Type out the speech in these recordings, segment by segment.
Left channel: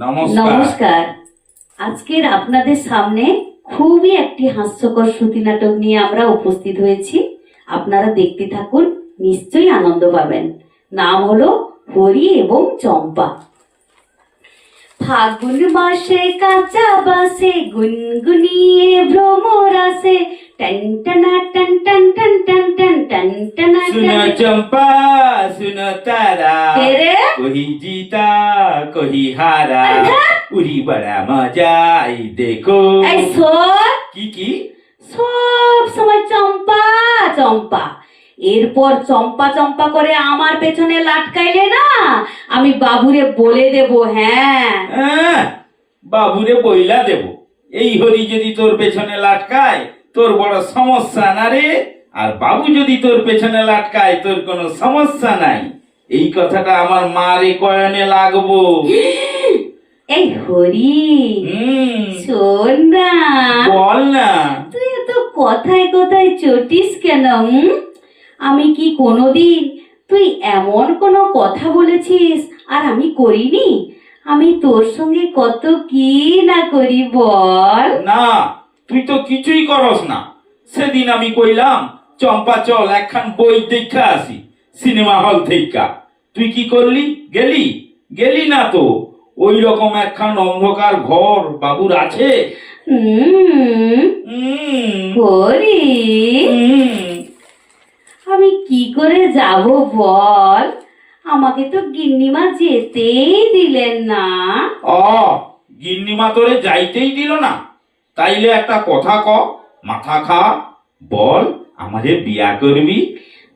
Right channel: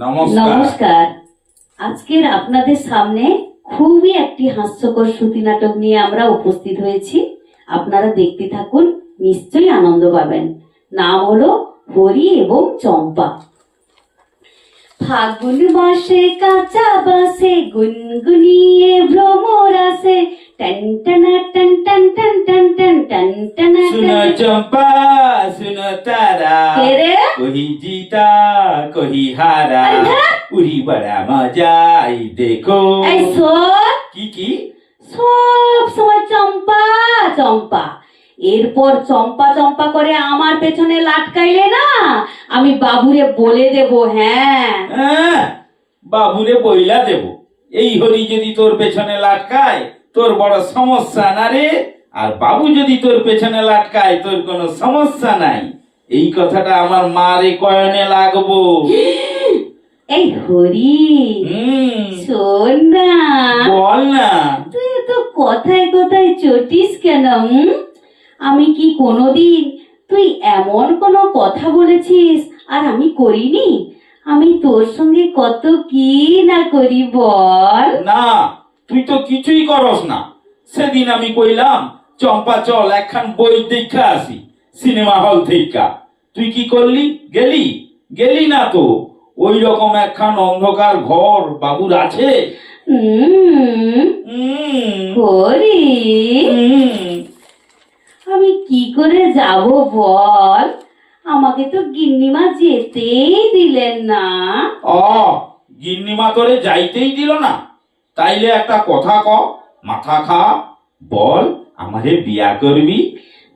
নমস্কার। আজকের আপনাদের সামনে খুবই একটি হাস্যকর শ্রুতি নাটক নিয়ে আমরা উপস্থিত হয়েছি। আপনারা দেখতে থাকুন নিশ্চয়ই আনন্দ পাবেন। নাম হলো হরি এবং চম্পা। ফাগুন মাসে কাঁচা বাসে গুনগুনিয়ে ভ্রমরাসে টন টনা টন টন টন টন টন টন টনা सुनो বাড়া মজাই দেখো। এই সর কি কি? সব সময় চম্পা চম্পা। এরপর চম্পা চম্পা করে আমার পেছনে লাটকাইলে না আমি বাবুরে বলে দেব হ্যাঁ। হ্যাঁ বাবুরে বইলা দেব। এই হরি যদি তোর পেছনে লাটকায় তোর বড় সমস্যা না রে। আর বাবু যদি তোর পেছনে লাটকায় তোর কোনো সমস্যা নাই। এই কথাটা আমার মারে কয়নে লাগবো? এই হরি শোন না। বল না। তুই এত কথায় কথায় চটিস কেন আমি কি কোনোদিন তুই এমন কোনো কথা বলেছিস আর আমি করিনি? আমি তোর সঙ্গে কত কি না করি বল। না তুই তো কিছুই করস না। সেদিন আমি কইলাম চম্পা চল একখান বই দেখা আসি সিনেমা হল থেকে। তুই কি করলি? গেলি? গেলি না তো? ওই রকম একখান অন্ধকার ঘর বাবুর আছে? হরি আমি কি করে যাব বল? আমাকে তো গিন্নিমা যেতেই দিলেন না। অ গিন্নিমা তোরে যাইতেই দিল না। তাইলে একটা কথা ক মাথা খা বল আমারে বিয়া করবি।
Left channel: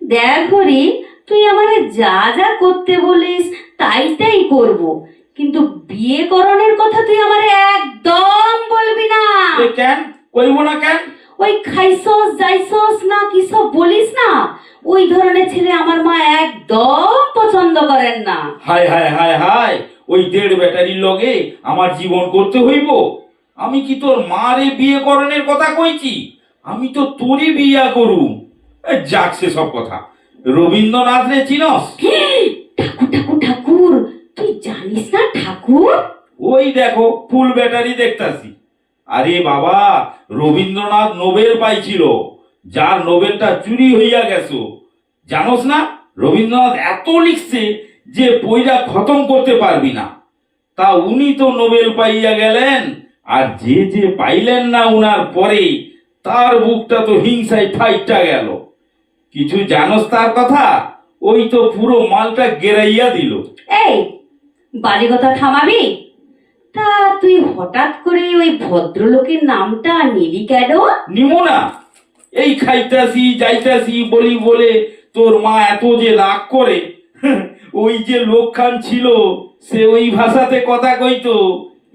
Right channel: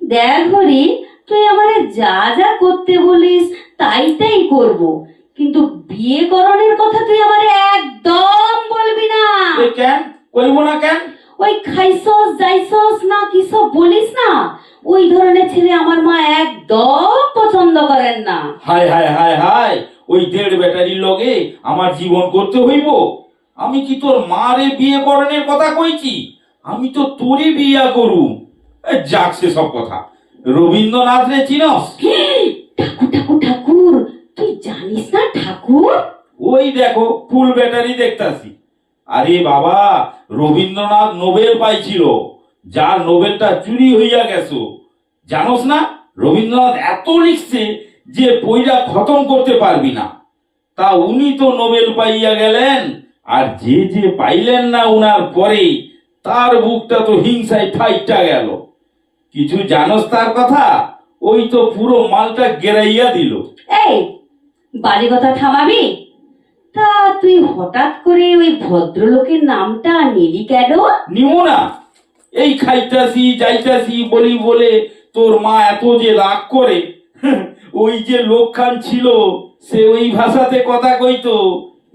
দেখ হরি তুই আমারে যা যা করতে বলিস তাই তাই করব। কিন্তু বিয়ে করণের কথা তুই আমারে একদম বলবি না। এ কেন? কইব না কেন? ওই খাইছস যাইছস না কি সব বলিস না? ওই ধরনের ছেলে আমার মা একদম পছন্দ করেন না। হায় হায় হায় হায় ওই দেড় ব্যাটারির লগে আমার জীবন করতে হইব? আমি কি তোর মারে বিয়ে করণের কথা কইছি? আমি তো তোরই বিয়া করুম এ, যাক সে সব কথা। রবীন্দ্রনাথ রে চিনস? ঠাকুর ঠাকুর ঠাকুর। তুই জানিস না ঠাকুর? ওই দেখো ফুল ব্যাটারি দেখতাছি। আরে বাবা রবীন্দ্রনাথ নোবেল পাইছিল যার নোবেলটা চুরি হইয়া গেছো। জানোস না রবীন্দ্রনাথ এত লিখছে যে বইটা খতম করতে পারবি না। তা উনি তো নোবেল পাইয়া গেলেন আর যে যে পাইলেন না উনার পরে তার বুকটা তো হিংসায় ঠাইটা গেল। কিছু জানোস তার কথা? ওই তো পুরো মালটা গেরাইয়া দিল। এই বাজে কথা থামাবি? তা তুই হঠাৎ করে ওই ভদ্রলোকের নামটা নিলি কেন? নিমো না। এই খাইতাছি যাইতাছি বলি বলে তোর মা এত যে রাগ করে ওই যে লোকখান ছিল সে ওই ভাষাতে কথা কইতো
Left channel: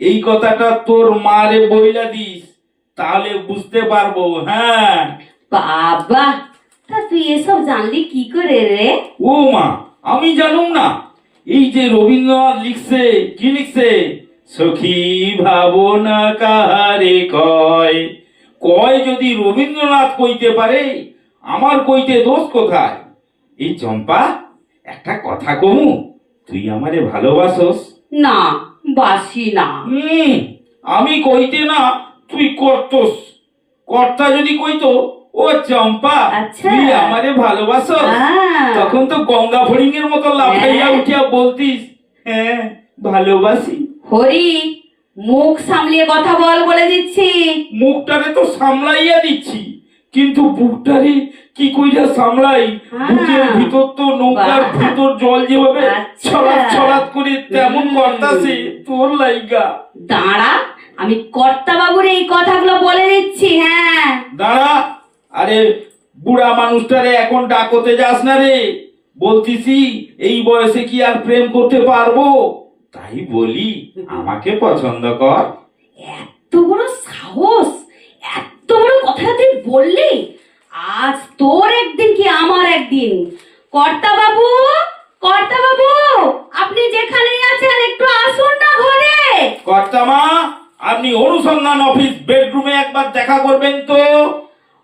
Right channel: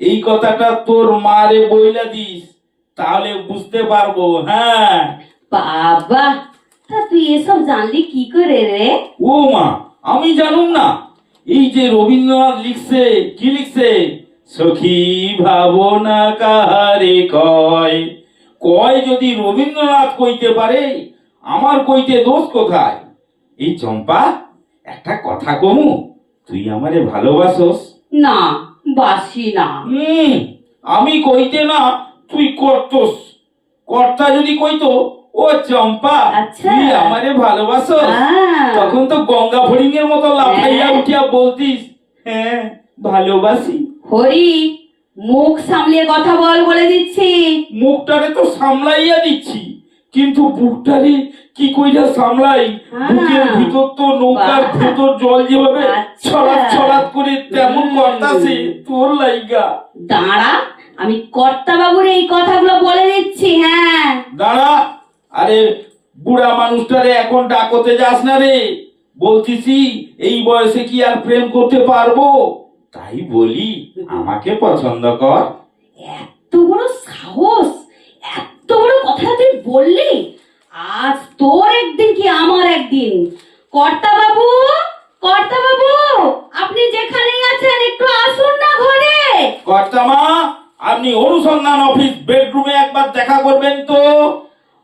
এই কথাটা তোর মারে বইলা দিস তাহলে বুঝতে পারব হ্যাঁ। বাবা তা তুই এসব জানলি কি করে রে? ও মা আমি জানুম না। এই যে রবীন্দ্রনাথ লিখছে কি লিখছে? সখী ভাবনা কাহারে কয়? কয় যদি রবীন্দ্রনাথ কইতে পারে আমার কইতে দোষ কোথায়? এই চম্পা একটা কথা কমু তুই আমারে ভালোবাসোস? না বাসি না। হুম আমি কইতে না তুই করতোস। কর্তা যদি কইতো ও চম্পা আচ্ছা। তুই আমারে ভালোবাসোস আহ, তখন তো গঙ্গা ফড়িং এর মতো লাফাইয়া হ্যাঁ। উঠিয়া বলতিস হ্যাঁ ভালোবাসি হরি মুখ সামলিয়ে কথা বল বলে দিচ্ছি মুখটারে তো সামলাইয়া দিচ্ছি কিন্তু বুকটারে কি কইরা সামলাই হ্যাঁ। বুকের ভিতর তো নৌকার ভিতর জল যেভাবে আচ্ছা। ছড়াত ছড়াত করে তেমন। করতাছে তোর লাইগা দাঁড়া আমি কর্তা বাবুর এই কথাগুলো বলে দিচ্ছি হ্যাঁ দাঁড়া আরে বুড়া মানুষটারে এখন ডাকতে যাস না রে। বলতিছি এই বয়সে কি আর প্রেম করতে পারব? তাই বলি আমাকে পছন্দ কর। এত বড় সাহস এত বড় কথা তুই বললি। আজ তোর একদিন কি আমার একদিন? কর্তা বাবু কর্তা বাবু আপনি যেখানেই আছেন একটু আসুন না ঘরে। কর্তামা আপনি অনুসন্ধান অফিস বেডরুমে একবার দেখা করবেন তো।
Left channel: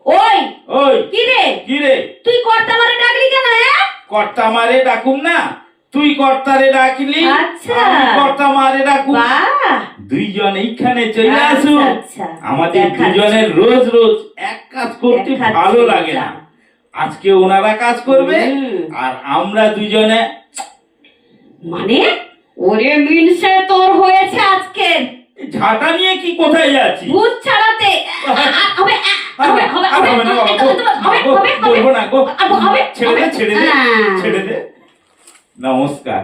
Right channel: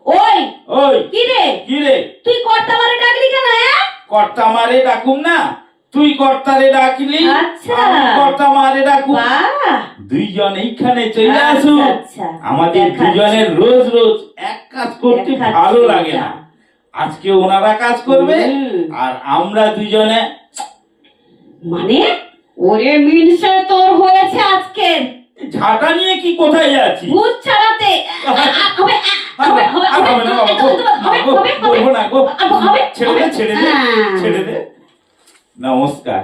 ওই ওই। কি রে কি রে তুই কর্তা বারে ডাকলি কেন হ্যাঁ? কর্তামারে ডাকুন না। তুই কর্তারে ডাকলি আচ্ছা। কর্তা মারে ডাকু বাহ। দুইজন এইখানে চলে আচ্ছা, আসুন। আচ্ছা। আমাদের দুজনের রোজ রোজ এক কাজ করতে ভালো লাগে না। আজকে ওনারা কাজ করবে আর আমরা দুজনে মানে? ওরে মিনসে তোর হয়েছে আজকের ঝাঁটা নিয়ে কি কোথায় যাচ্ছি ভূত ছাড়াতে। হবে আর হবে না বাবা, বলব না গো ছেড়ে দে ছেড়ে দে হ্যাঁ। ছেড়ে দে নমস্কার